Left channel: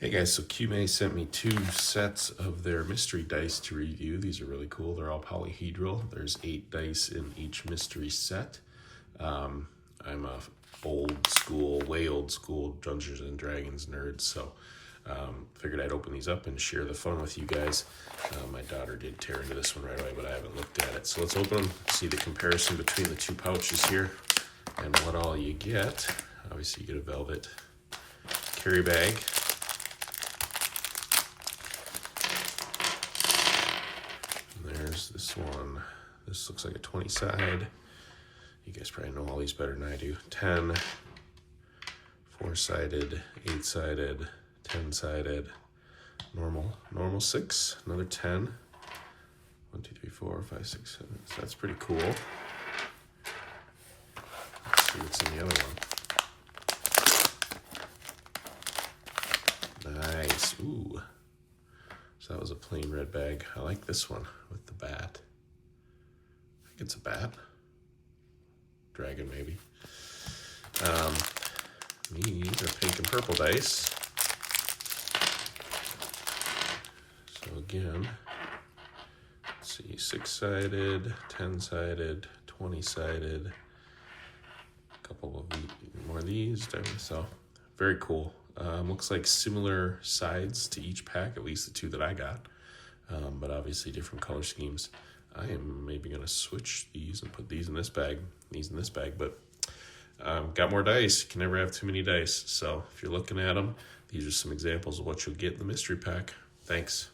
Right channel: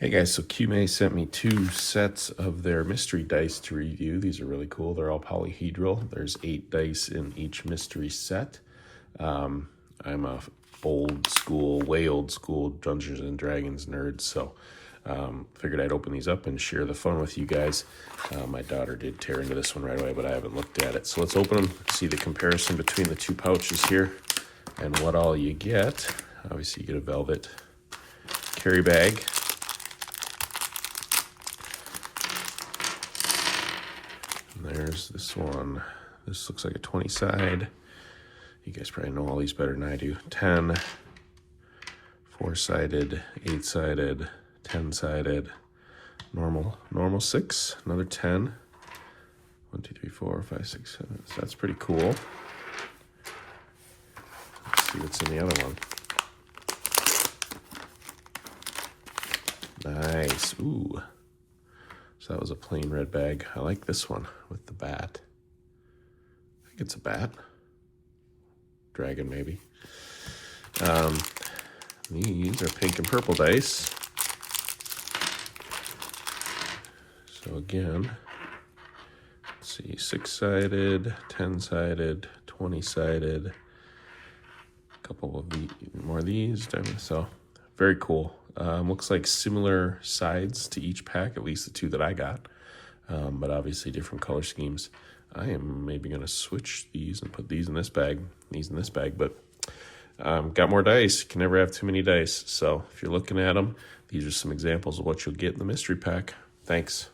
Hey guys, so QMAY sent me 2 sets of their mystery dice to review. These are really cool. They're all polyhedral. There's 8 dice in each mystery set. I'm a way old school Dungeons and Dragons nerd, so figured I'd open these up and share the fun with you guys. My daughter did tear into this one right away, but I haven't looked at it. So let's open them, see the comparison between the 2 pouches here and what all you get. Obviously you get a velvet carry bag. There's this one. This looks like a 20 side. You guys probably know all these better than I do. 10, 4-sided, 8-sided, 10-sided, normal 6, another 10. 1, 2, 3, 4, 5, 6, 7. So that's pretty cool. Let's see what's in the other one. Nice. Ooh. So that was a plain red bag. I like this one with the bat. I think it's a bat. Dragon, maybe. These are pink and purple dice. So again, let's see, 6-sided, 10-sided, 20-sided. A couple of more of these. So very cool. Looks like similar sides to each pack, at least the 2 that I got, but obviously different color schemes. I am maybe going to switch these and put these in this bag, but got more dice. You can never have too many dice. So if you're looking at them, these are some examples of what you'll get in the mystery pack. Thanks.